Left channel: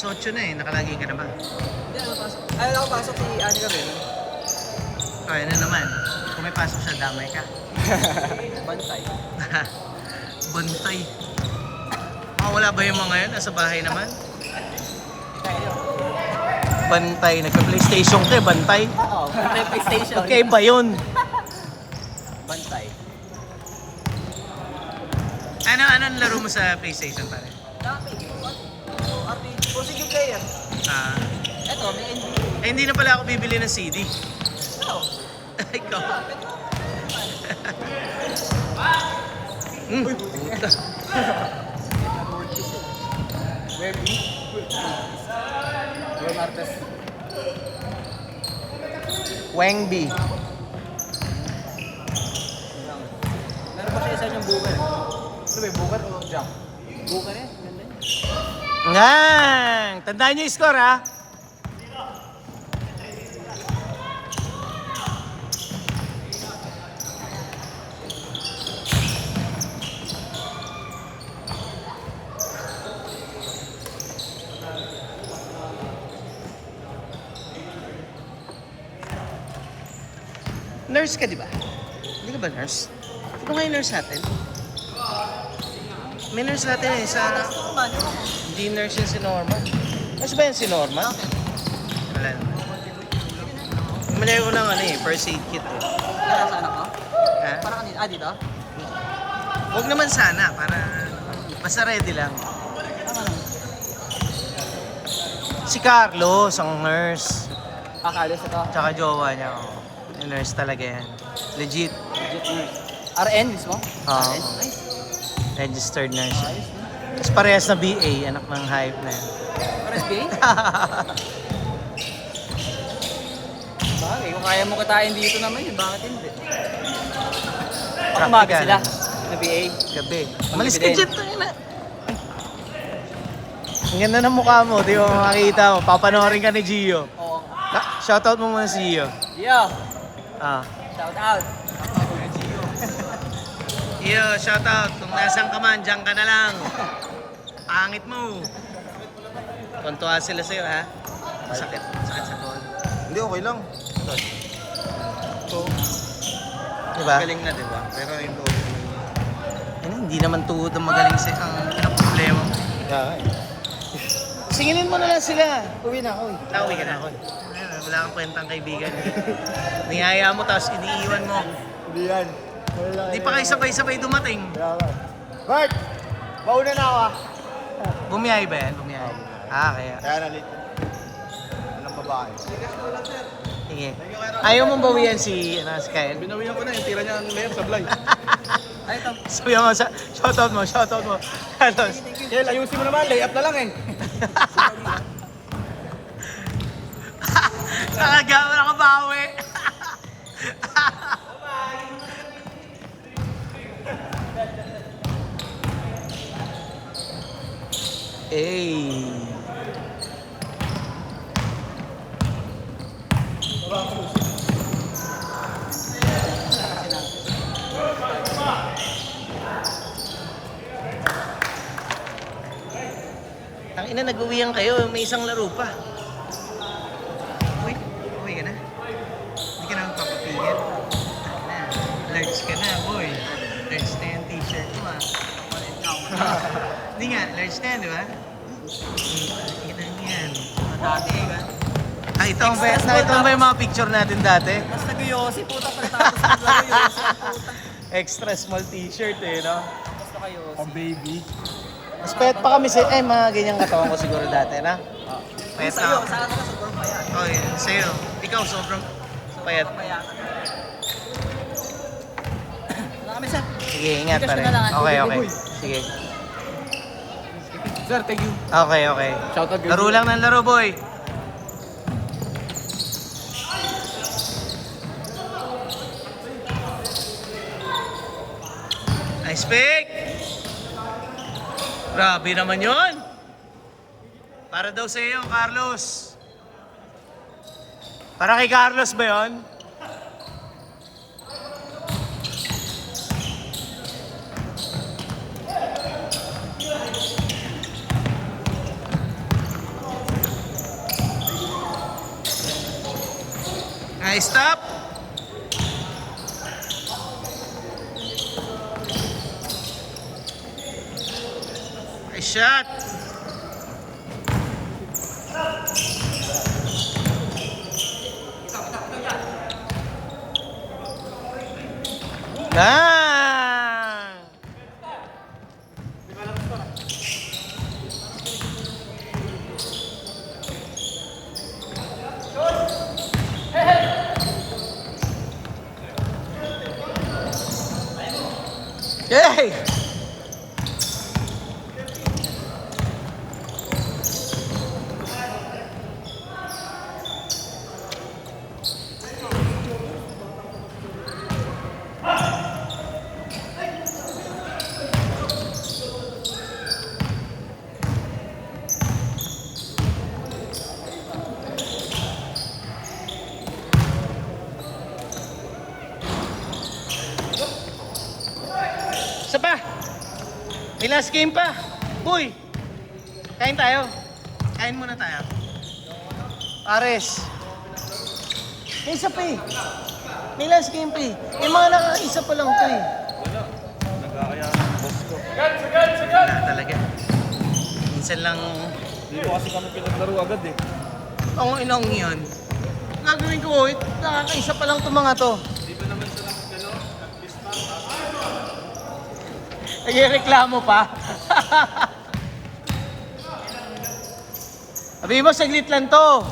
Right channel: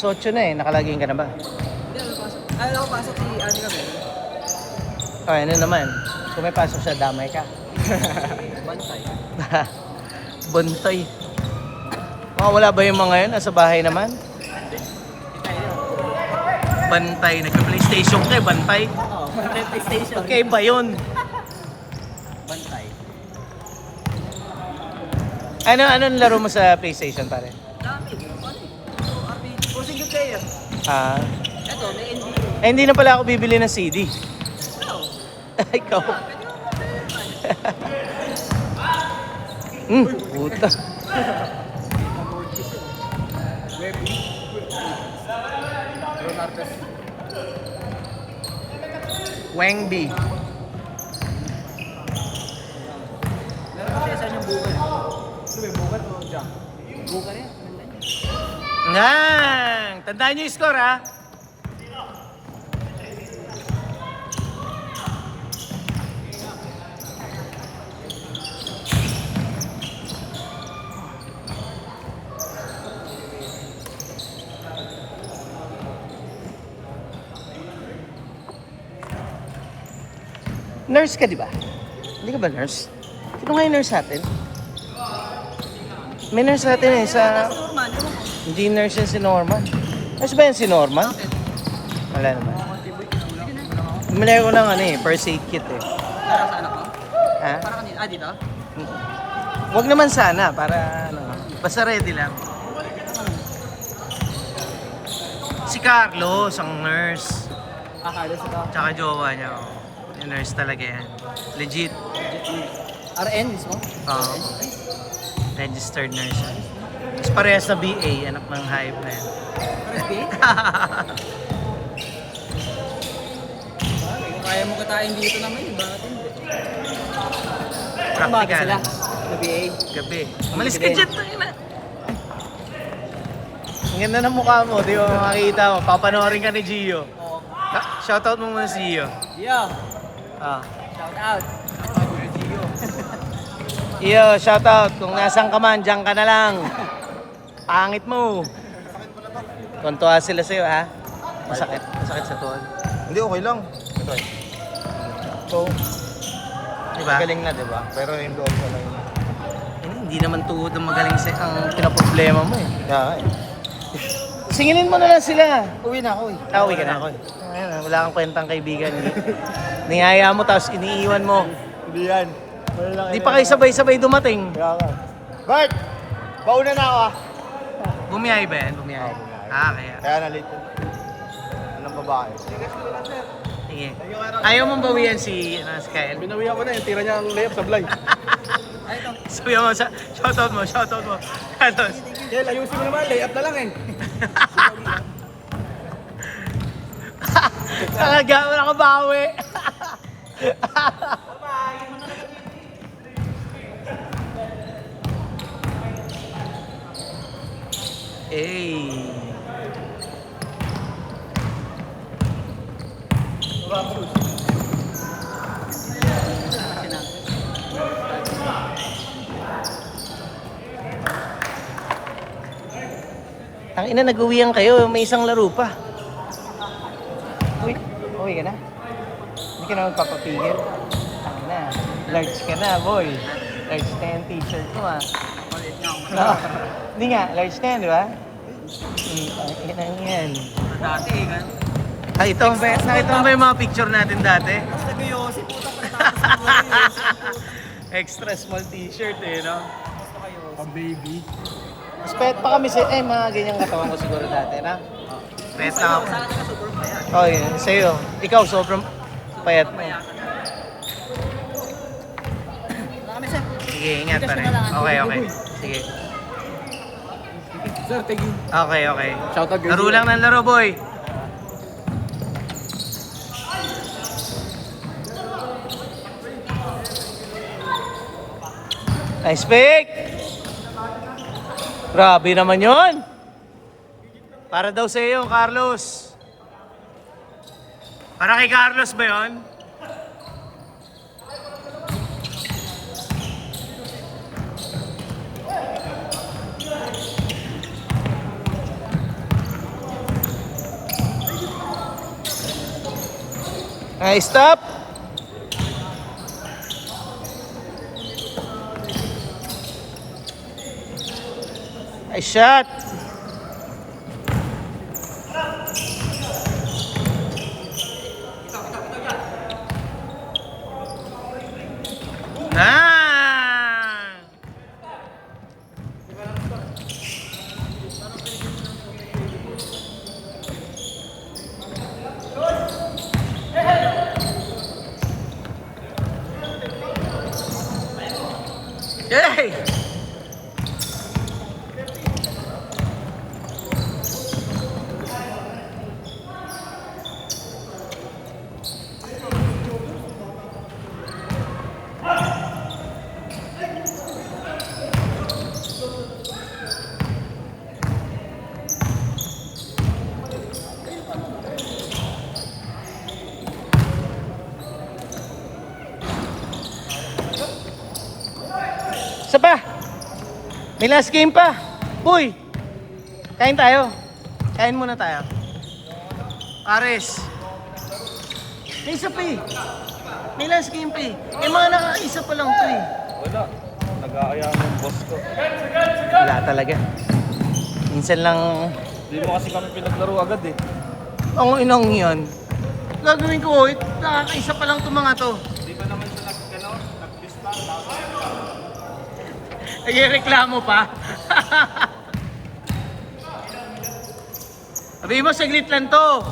Alas 8 na eh, nakalaging ka na ba? Ay, ako pasok si Ani kami. Ay, ano naman, kung may pasok siya, damay ka. Bantay. Wala ba yung mga yun? Nasa bahay naman? Bantay. Nagka-PlayStation ka, bantay. Oo, PlayStation. Okay ba yun? Bantay. Anong laro mo sa PlayStation pare? Sige kayo. Ah, Ito, hindi na pala ako bibili ng CD. Ay, ikaw. Puta. Wangbi. meron pa siya isa yung bukan. Ano ba yung bukan o jump? Bukan eh. Yan! Tandaan niyo yung score ha. Nurse ka, di ba? Hindi ka ba nurse? Sino nga yung nurse natin? May nurse natin eh sa... Hindi nurse yung si Norma. Nurse ba yung si Norma? Wala na. Bumili ko ng ano eh, first aid kit eh. Ha? Parang kanina, dito? Huwag naman sana, para ano, basta ready lang. Si Carlos, ang nurse. Carlos ito. Tsaka jowa niya, oh. Yung nurse talaga yan. Legit. RN mismo? Oo. RN? Registered nurse. Tapos parehas na BA, anak ng hype na yan. RSBA? Bagay, kung kaya mo kitain dito naman yun, bakit hindi? Baka umaga sila, na BA. Gabi. Malis ka dyan. Ang ganda ng mukha mo, di mo makita mo. Papanoorin ka ni Gio. Oo. Shoutout mo muna si Gio. Gio, Ah. shout out. Gio, shoutout. Kung nasan ka man, dyan ka na lang. Pangit mo. Tuntua sila sa'yo, ha? Masakit. Masakit sa tuhod. Hindi, okay lang. Oo. Diba? Galing na, diba? Pero yung loob ko na yun. Hindi naman tuhod ang magaling sa ang pinaproblema mo. Yeah, Singilin mo na lang sila. Uwi na ako eh. Uwi ka na. Wala kang kwentang kaibigan. Niyaya mo tapos iniiwan mo. Hindi yan. Di pa kayo sabay-sabay dumating. Bert! Mauna na ako ah. Bumiyahe ba yan? Bumiyahe. Ah, kaya. Kaya na late. Anong babae? Sige. Ayaw mong bawian si Kyle. Binawihan ko na yung tira niya ang layup sa vlog. Sabi mo, shoutout mo, shoutout mo. Carlos. Del, ayusin mo naman. Layup na lang eh. Talaga, wala ka bawi. Hey. Ang ina, nag-uwian kayo, may isang laro pa. Uy, uwi ka na? Hindi ka na magpapapigil. Ang na, large ka na, boy. Large na yung t-shirt mo, ah. No, hindi nga, large na yan, di ba? Ang yan. Dati eh, kan? Nakita mo ba yung mga picture natin dati? Basta kayo, si putang pagkatapos ng laro yun. Extra small t-shirt eh, no? Basta kayo. Pang baby. Mas payat pa kami sa, mga ganyang kasama ko siguro dati, na? Payat lang ako. Oy, sa'yo. Ikaw, sobrang payat. Kami sir. Sige, ingat pa rin. Okay, okay. Sige. Sir, thank you. Okay, okay. Shout out Laro lang ng laro, boy. Nice pick! Grabe naman yon. Para daw sa iyo, Carlos. Para kay Carlos ba yon? Stop. Nice shot. Nah. Yay! Isa pa. May last game pa. Uy. Kain tayo. Kain muna tayo. Ares. May isa pa eh. May last game pa eh. May mga nakaisa pa lang to eh. Wala talaga. Minsan lang. Hindi mo kasi kami pinaglaro agad eh. Ang inang yan. Gagawin ko, nakakaisa pa lang itong mga to. Nagreklamo pa. Sabi mo, saglit lang to.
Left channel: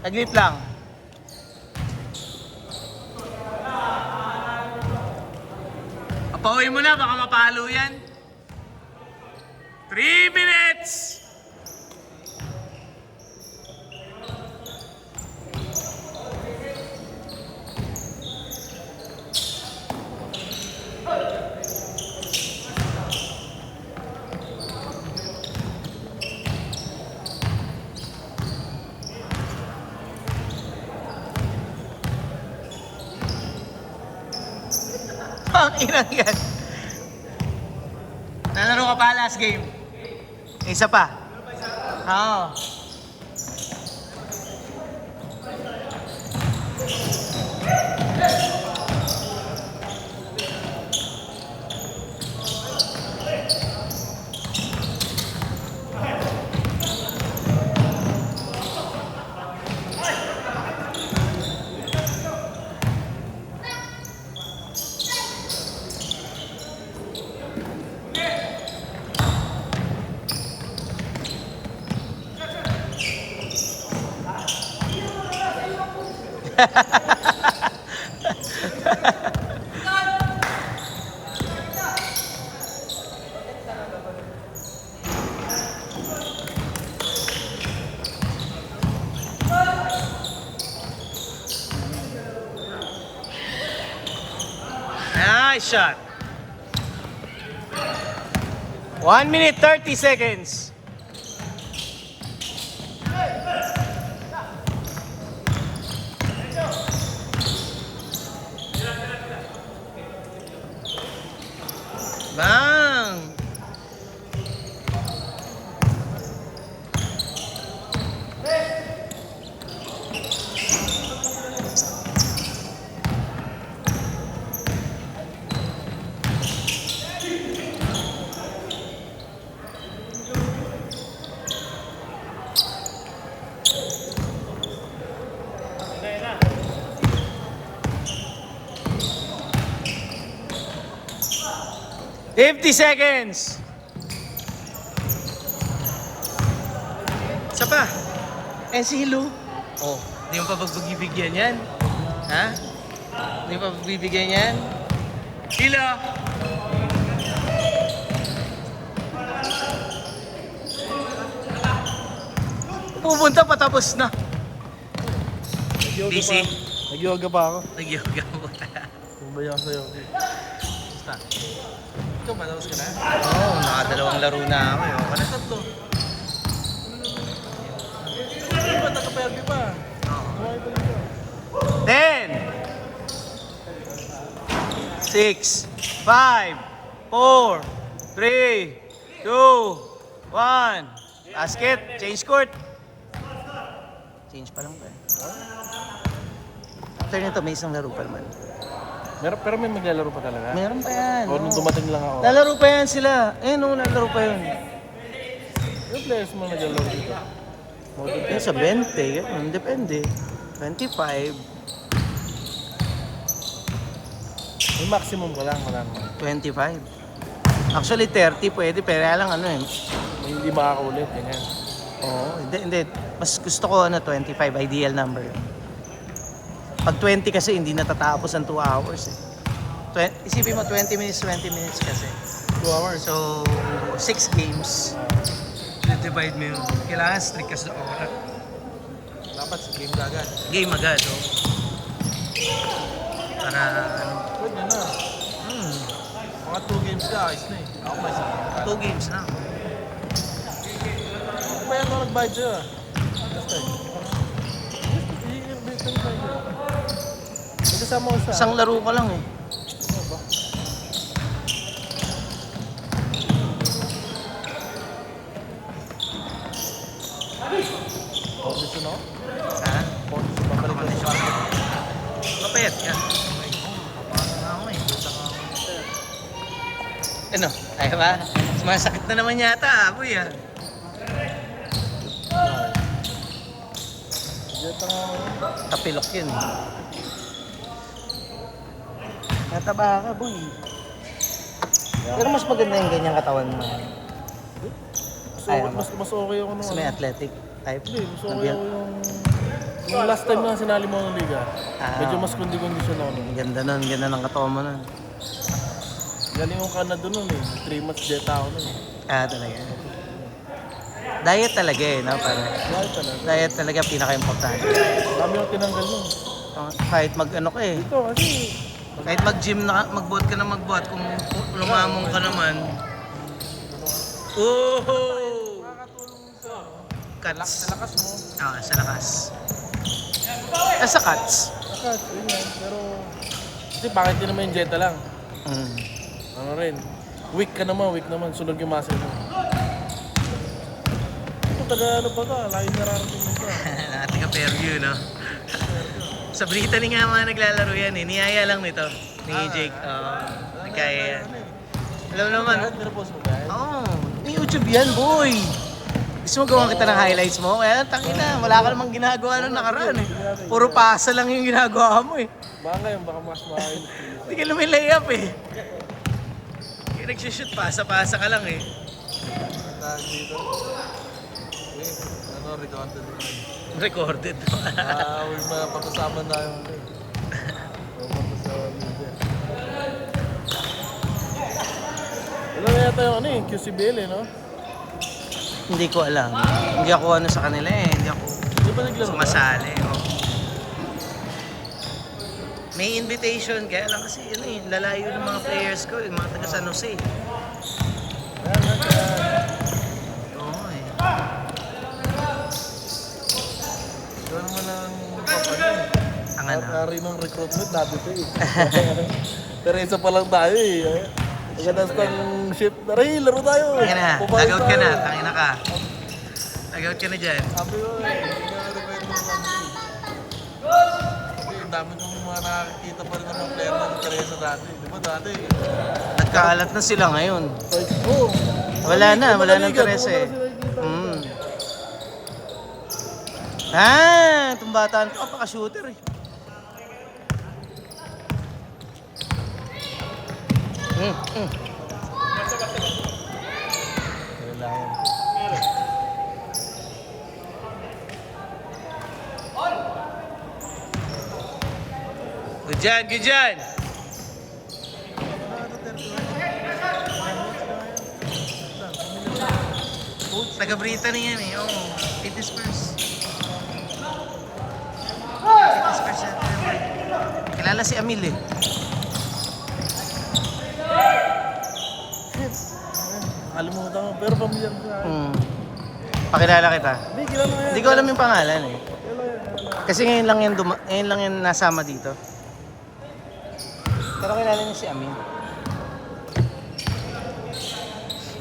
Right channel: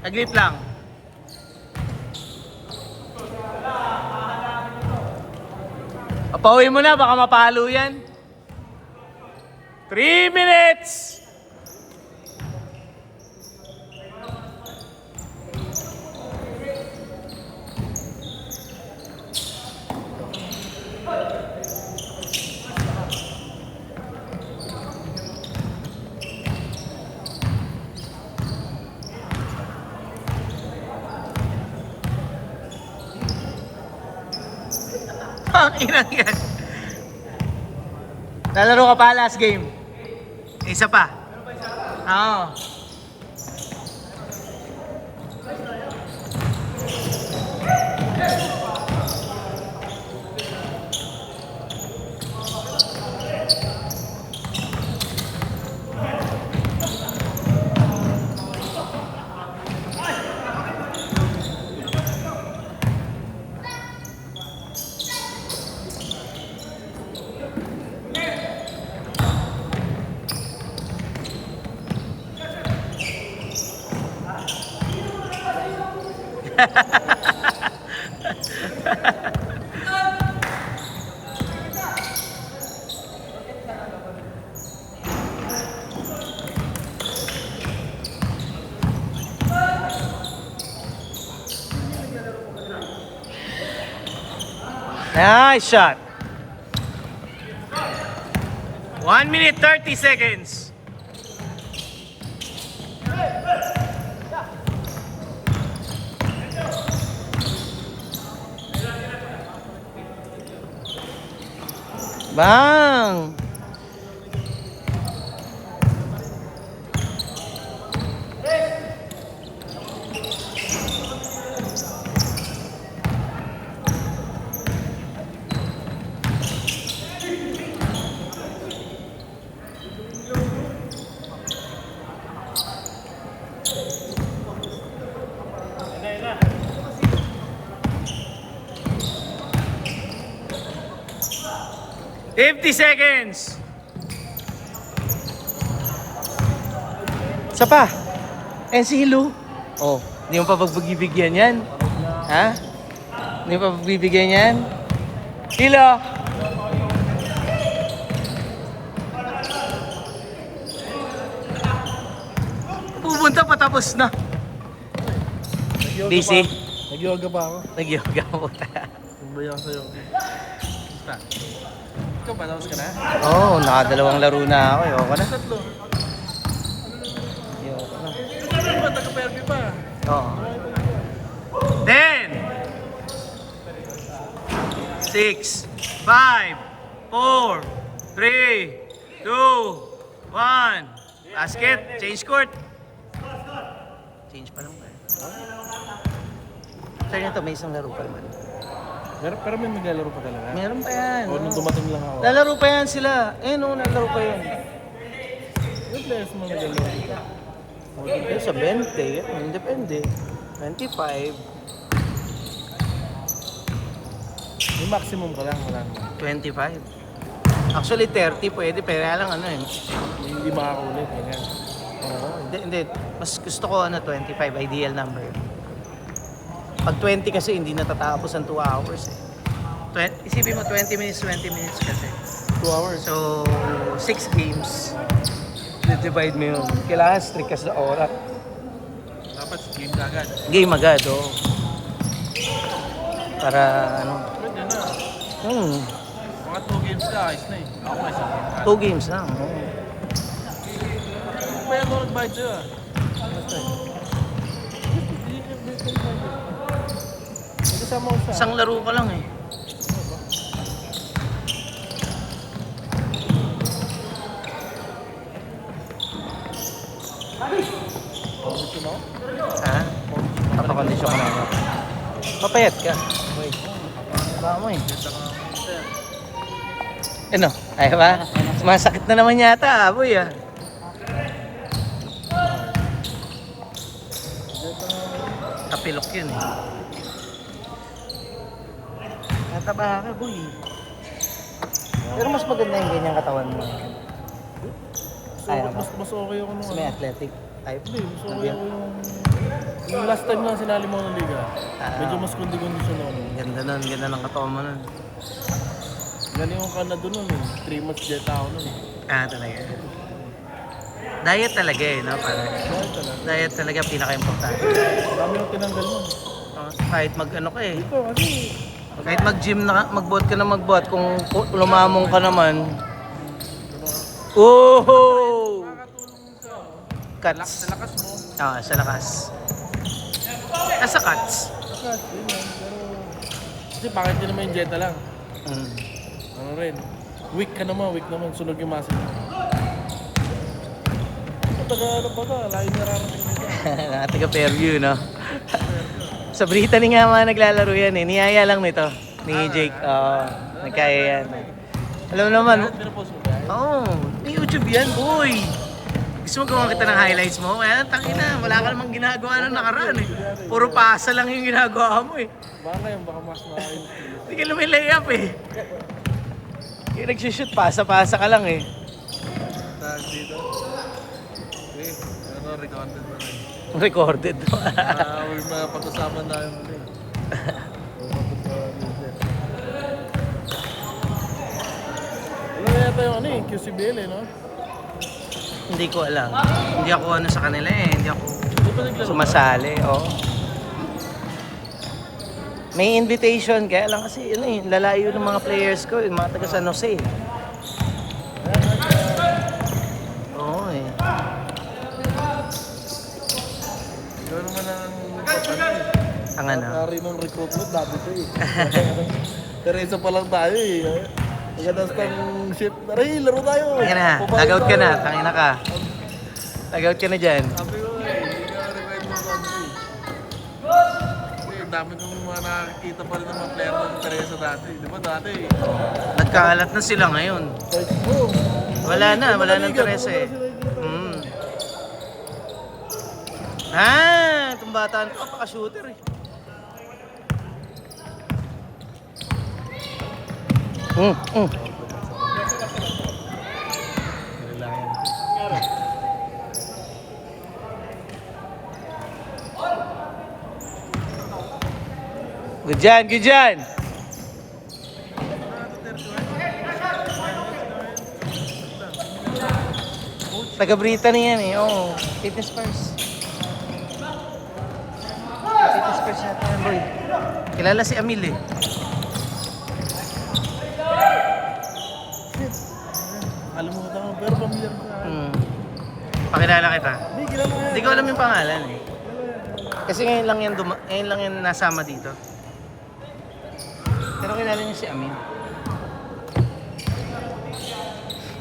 Saglit lang. Papauwi mo na, baka mapalo yan. 3 minutes! Inang yan. Lalaro ka pa last game. Isa pa. Oo. Nice shot. 1 minute 30 seconds. Bang! Na. 50 seconds. Isa pa. And si Hilu. Oh, hindi mo pa pagbibigyan yan. Ha? Hindi mo pa pagbibigyan yan. Hila. Pupunta patapos na. DC. Nag-yoga pa ako. Nag-yoga mo ka. Bumaya sa'yo. Basta. Ikaw ba? Tapos ka na? Oo, oh, nakadalawang laro na ako. Wala tatlo. Hindi ba? Taga-PLB pa. Oo. 10 6 5 4 3 2 1 Basket, change court. Change pa lang ba? After nito, may isang laro pa yun. Pero may maglalaro pa talaga. Meron pa yan. O nung dumating lang ako. Lalaro pa yan sila. Nalaro pa yan. Yung players mo maglalaro. Okay, sa 20, depende. 25, May maximum ka lang. Wala. 25. Actually, 30 pwede, pero lang Hindi makakulit. Ganyan. hindi. Mas gusto ko 25, ideal number. Pag 20 kasi, hindi natatapos ang 2 hours. Isipin mo, 20 minutes kasi. 2 hours. So, 6 games. Divide mo yun. Kailangan strict ka sa oras. Dapat game na agad. Game agad, oh. Para, Mga 2 games ka, ayos na eh. Ako may isang game ka. 2 games lang. May ako nag-buy siya. Kasama ko siya. Isang laro pa lang eh. Ha? Papakondisyon ka na. Papayat ka. Tama eh. Ano? Ay ba? Masakit na naman yata, aboy ah. Kapilok yun. Nataba ka, boy. Pero mas maganda yung ganyang katawan mo. Ayun. Mas okay yung ano. Mas may athletic type. Hindi, mas okay yung last time na sinali mo yung liga. Medyo mas kundi-kondisyon ako nun. Ganda ng katawan mo nun. Galing ko ka na dun nun eh. 3 months jet ako nun eh. Talaga. Diet talaga eh, no? Parang, diet talaga pinaka-importante. Dami yung tinanggal nun. Kahit mag-ano ka eh. Ito kasi, Kahit mag-gym na, magbuhat ka na magbuhat, kung lumamong ka naman. Oh! Cuts. sa lakas mo. Sa lakas. Sa cuts. Lakas, yun yan. Pero, kasi bakit din naman yung jeta lang? Ano rin, weak naman, sunog yung muscle mo. Taga-ano ba ba? Laki na lang. Nakatiga-perview, no? Sa Brittany nga mga naglalaro yan eh. Niyaya lang nito. Ni Jake. Nagkaya yan. Alam naman. May YouTube yan, boy. Gusto mo gawa kita ng highlights mo? Kaya tangina, wala ka namang ginagawa ng nakaraan eh. Puro pasa lang yung ginagawa mo eh. Baka mas makain. Hindi ka lumilayap eh. Yung nagsushoot, pasa-pasa ka lang eh. Tahan dito. Okay, recorded na rin. Recorded pa. May mga pag-usapan na yung Ano yata yung QCBL eh, no? Hindi ko alam. Hindi ako sa kanila eh. Hindi ako sumasali. May invitation kaya lang kasi lalayo ng mga players ko, yung mga taga San Jose. Oo eh. Ikaw naman ang papalay. Ang ano? Hari ng recruitment, dati ko eh. Teresa pa lang tayo eh. Pagkatas ng shit, Ray, laro tayo. Tangina na, log-out ka na, tangina ka. Log-out ka na dyan. Sabi ko eh, hindi ka required mo sa ano eh. Kasi dami kong mga nakakita pa rin ng mga player ng Teresa dati. Di ba dati? Nagkaalat na sila ngayon. Wala na Teresa eh. Itong bata na paka-shooter eh. Good dyan! Taga-Brittany yan eh. Fitness first. Fitness first natin, boy. Kilala si Amil eh. Kalimutan ko, pero pamilyar ko sa akin. Pakilala kita. Hindi, kilala ko yan. Hindi ko alam yung pangalan eh. Kasi ngayon lang yung nasama dito. Pero kilala niya si Amil.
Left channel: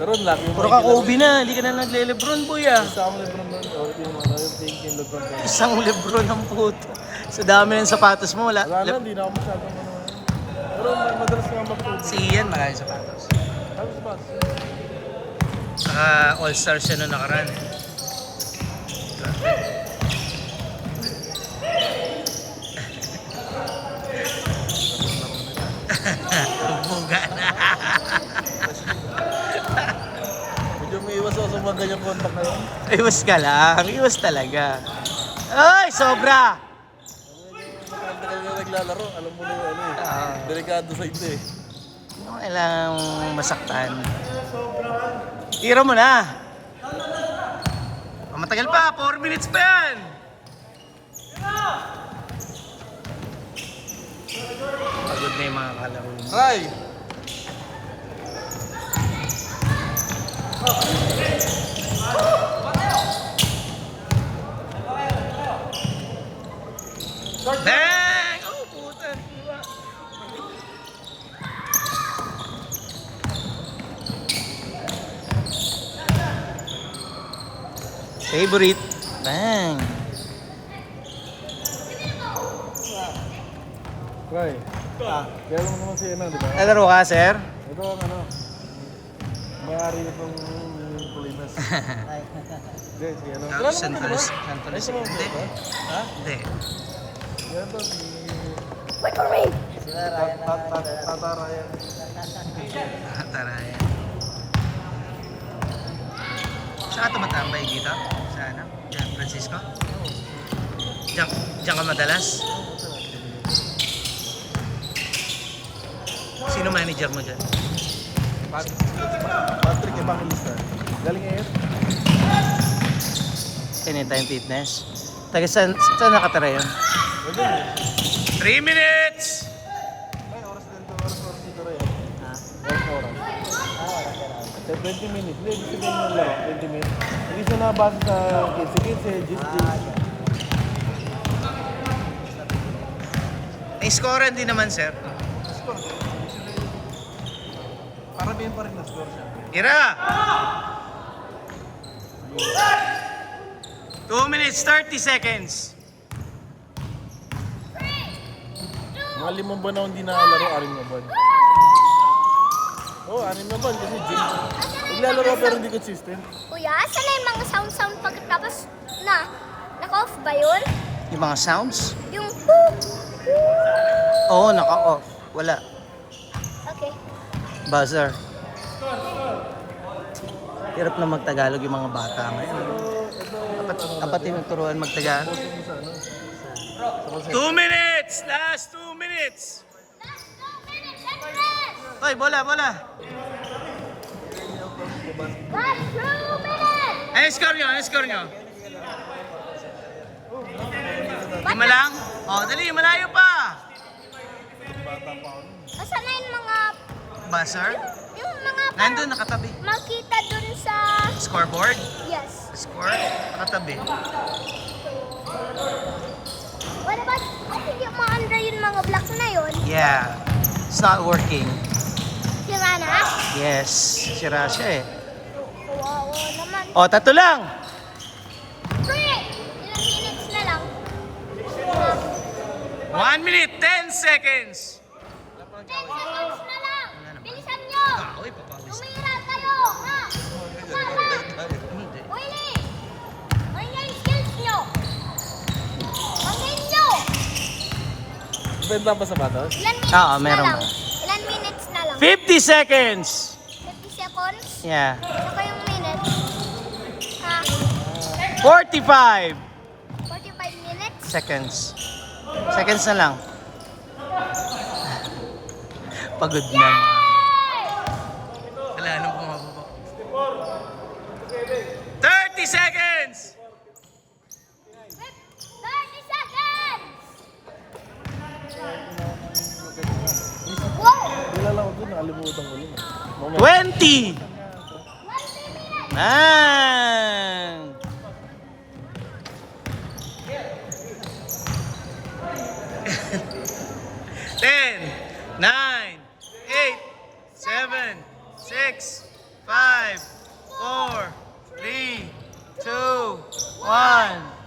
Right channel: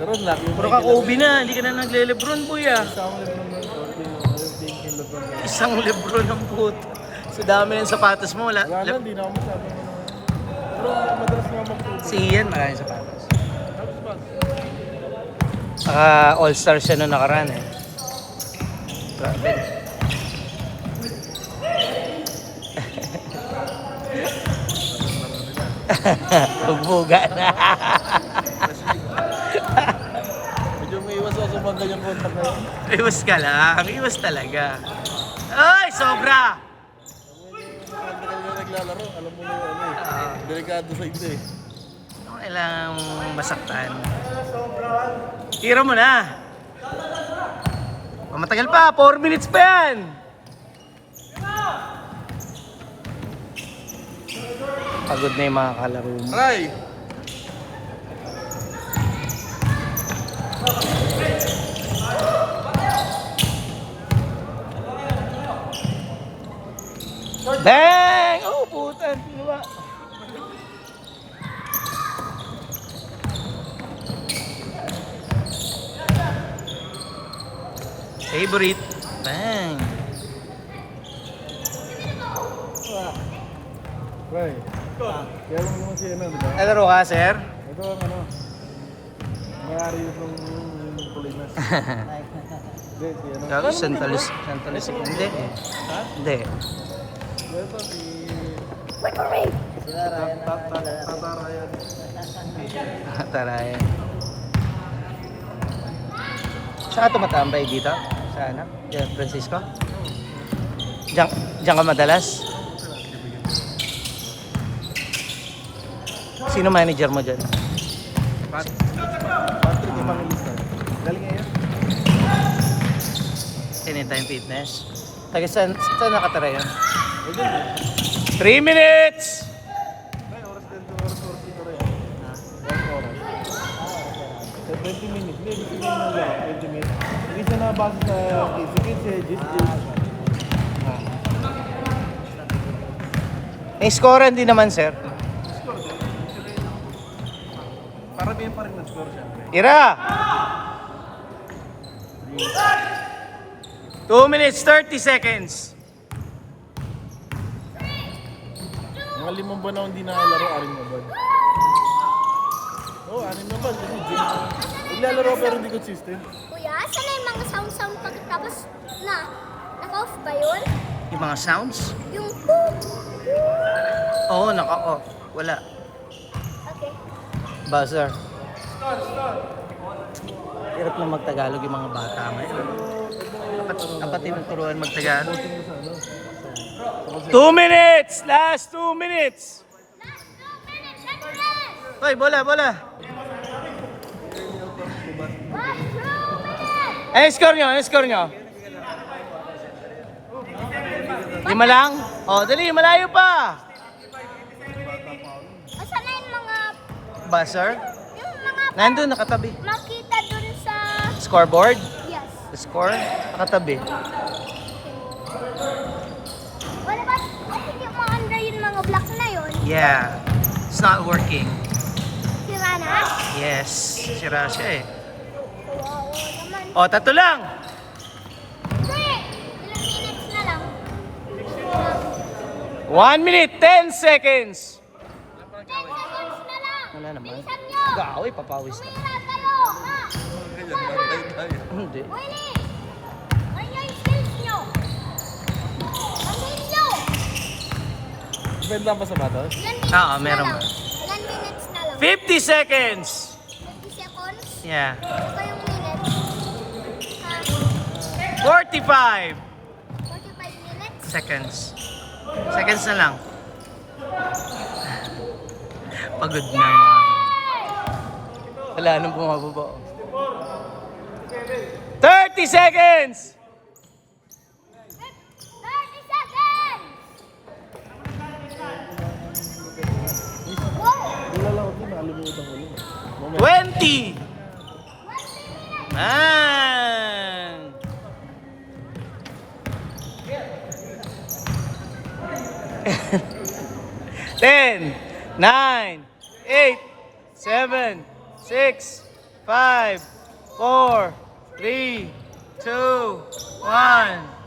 Pero laki yung Puro ka Kobe na, hindi ka na nagle-Lebron boy ah. Sa ako naman naman, thinking LeBron. Isang Lebron ang puto. Sa dami ng sapatos mo, wala. Wala na, hindi na ako masabi. Pero madalas naman ako. Si Ian, maraming sapatos. Saka all-star siya nung nakaraan. Bugbuga na. Medyo umiiwas ako sa mga ganyan contact na yun. Iwas ka lang. Iwas talaga. Ay, sobra! Kapag ka naglalaro, alam mo na yung ano eh. Delikado sa ito eh. Kailangang masaktan. Tira mo na. Matagal pa, 4 minutes pa yan. Pagod na yung mga kalaro. Try! Bang! Oh, puta. Diba? Favorite. Bang! Try. Kaya lang naman si ano, di ba? Nalaro ka, sir? Ito ang ano. Mayari yung Pilipinas. Gago, Santalis. Hindi. Hindi. Tara yan. Saan ka tumatambay dito? Saan? San Francisco? Diyan ka madalas? Sino manager mo dyan? Galing ngayon. Anytime Fitness. Taga saan nakatira yun? 3 minutes! Sa 20 minutes. Hindi, gusto nyo na lang. 20 minutes. Hindi siya nabasa sa kids. Score hindi naman, sir. Parabihin pa rin na score siya. Ira! 2 minutes, 30 seconds. Mga 5 buwan ako hindi nakalaro, 6 na buwan. Oo, 6 na buwan kasi gym. Naglalaro pero hindi consistent. Kuya, saan na yung mga sound pagkatapos na? Naka-off ba yun? Yung mga sounds? Yung poop. Oo, naka-off. Wala. Okay. Buzzer. Hirap na magtagalog yung mga bata ngayon. Dapat yung turuan magtagalog. 2 minutes! Last 2 minutes! Hoy, bola! Last 2 minutes! Ano score nyo? 5 lang? Oh, dali, malayo pa! Basta na yung mga, Buzzer? yung mga Nandun, nakatabi. makita dun sa... Scoreboard? Yes. The score? Nakatabi. What about yung mga under yung mga block na yun? Yeah. It's not working. Sira na? Yes. Sira siya eh. Wow, naman. Oh, 3 lang! Wait! Ilang minutes na lang. 1 minute, 10 seconds! 10 seconds na lang. Wala naman. Bilisan nyo. Gawin, papawis na. Tinatalo. Mga ganyan, bantay tayo. Hindi. Willie! Ano yung skills nyo? Ang game nyo! Depende lang ba sa mata? Ilan minutes Oo, na meron. lang? Ilan minutes na lang? 50 seconds! 50 seconds? Yeah. Saka yung minutes? Ha? 45 45 minutes? seconds. Seconds na lang. Pagod na mga. Wala nang bumababa. 30 seconds! 30 seconds! Wow! Wala lang ako, nakalimutan ko lang. 20! Ah! 10, 9, 8, 7, 6, 5, 4, 3, 2, 1.